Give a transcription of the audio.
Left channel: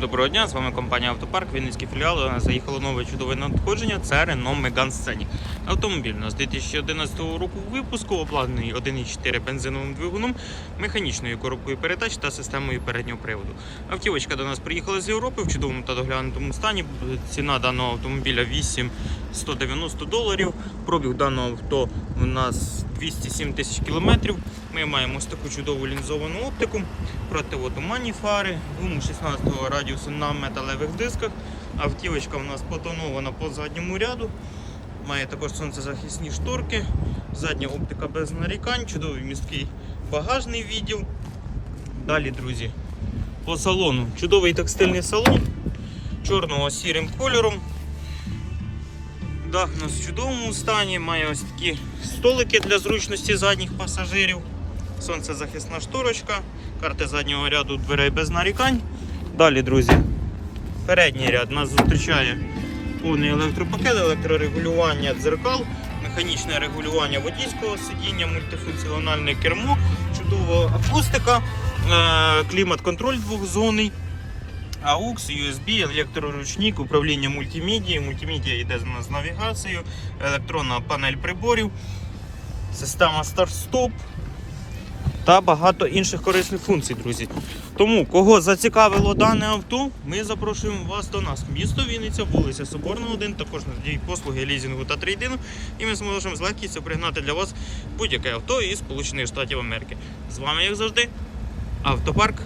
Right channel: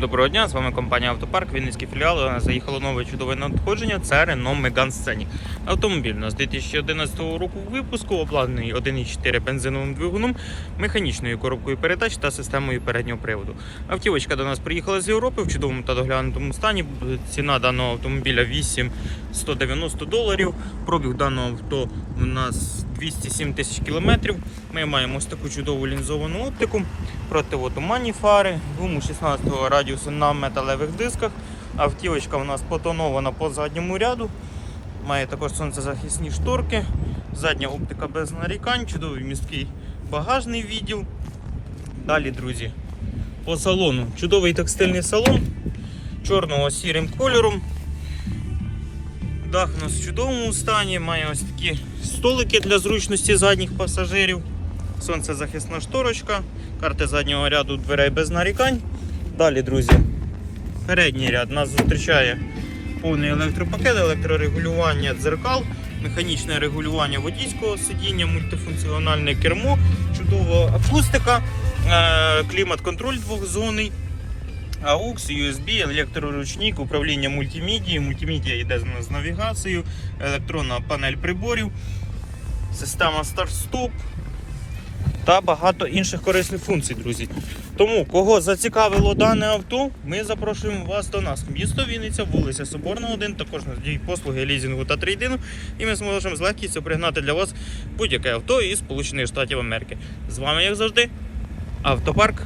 Доброго дня, з вами компанія Автопарк, Вінницький філіал. Заїхало нове чудове надходження. Це Renault Megane Scenic. Автомобіль нас 2011 року випуску, обладнаний 1,4 бензиновим двигуном, механічною коробкою передач та системою переднього приводу. Автівочка до нас приїхала з Європи в чудовому та доглянутому стані. Ціна даного автомобіля 8 190 доларів. Пробіг даного авто у нас 207 тисяч кілометрів. Ми маємо ось таку чудову лінзовану оптику, противотуманні фари, гуму 16 радіусу на металевих дисках. Автівочка у нас потонована по задньому ряду. Має також сонцезахисні шторки, задня оптика без нарікань, чудовий місткий багажний відділ. Далі, друзі, по салону. Чудовий текстильний салон чорного сірим кольором. Дах у нас в чудовому стані, має ось такі столики для зручності задніх пасажирів. Сонцезахисна шторочка, карти заднього ряду дверей без нарікань. Далі, друзі, передній ряд нас зустрічає повний електропакет, електрорегулювання дзеркал, механічне регулювання водійського сидіння, мультифункціональне кермо, чудова акустика, е, клімат-контроль двохзонний. AUX, USB, електроручник, управління мультимедією. Мультимедія йде з навігацією, електронна панель приборів, система старт-стоп та багато інших корисних функцій, друзі. Тому, кого зацікавило дане авто, ми запрошуємо вас до нас. Місто Вінниця, вулиця Соборна 1, також надають послуги лізінгу та трейдингу. І ми зможемо з легкістю пригнати для вас будь-яке авто із Сполучених Штатів Америки. З вами, як завжди, автопарк